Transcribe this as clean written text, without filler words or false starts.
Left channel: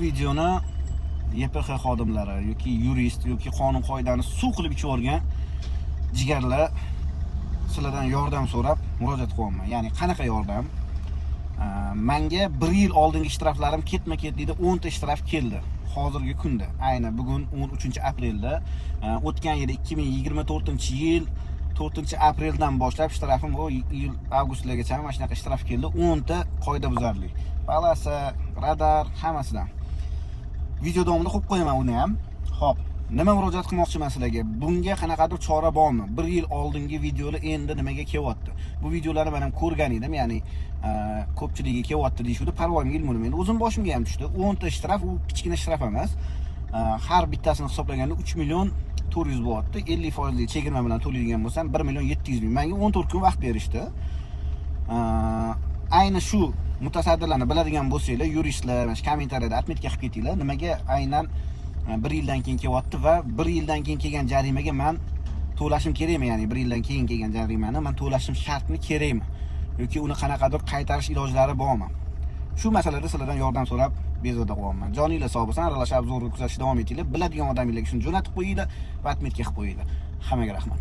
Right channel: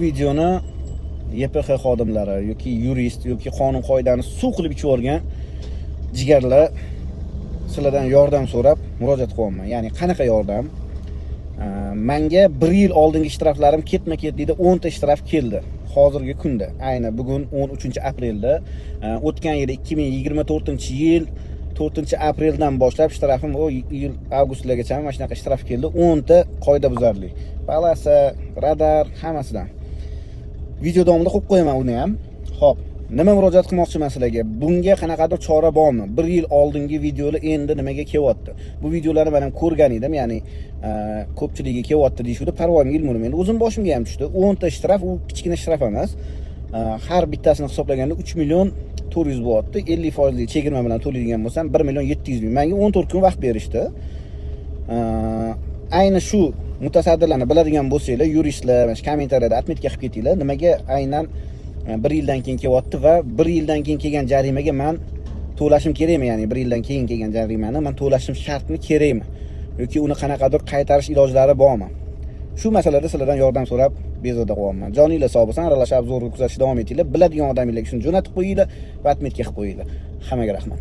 Videoni YPX xodimlari yoki yurist yoki qonun qoidani suv qilib ichib olgan jigarlar sizlardan yordam so'rab murojaat qilyapman. Ya'ni qanaqa yordam? Menga 1 yil oldingi shtraflarim ketma-ket deydi 10 ta shtraf keldi. Hozirgi kunda, ayni bugun 13-aprelda, o'tgan yil 2024-yil 4-apreldan boshlab shtrafim yil avgustlargacha mana shunaqa shtraf keldi. 10 ta qoidabuzarlik. Palasa, radar, hammasidan. Video davomida qo'yib qo'yaman uni ham. Xo'p, nima murojaat qilmoqchiman sizlarga? Bunga qanaqadir chora bormi? 1 yil oldingi videolar endi nimaga kelyapti? Bu videolarni men ham ko'rgan edim, ya'ni ko'pchiligi kelyapti deyishdi. Parvoyimga ilmim endi o'zim boshimga ham tushdi. 10 ta shtraf, u kichkina shtraf emas. Har bittasini hisoblaganda 3 million 400 bo'lyapti. 50% chegirma bilan to'laydigan bo'lsam 1 million 700 ming. Menga 14 kun vaqt berishdi. Ayni shu mutasaddilarni biladigan bo'lsanglar, yuristlar, kommentariyada atmetga qilib ketinglar. Nimaga aynan 1 yildan keyin kelyapti va 1 yildan keyin kelgan jarimaga men to'lashim kerakmi? Ya'ni 1 yildan keyin kelgan jarimani men to'lashim shartmi, kerakmi? Yoki uni qanaqadir qaytarish ilojlari bormi? Shu masalada sizlardan yordam so'rab bezovta qilyapman. Joninglar sog' bo'lsin, aralashib zo'rg'a kuzatishda davom etinglar. Biladigan odamlarga shuni jo'natib qo'yinglar va atmetga qilib qo'yinglar. Hammaga rahmat.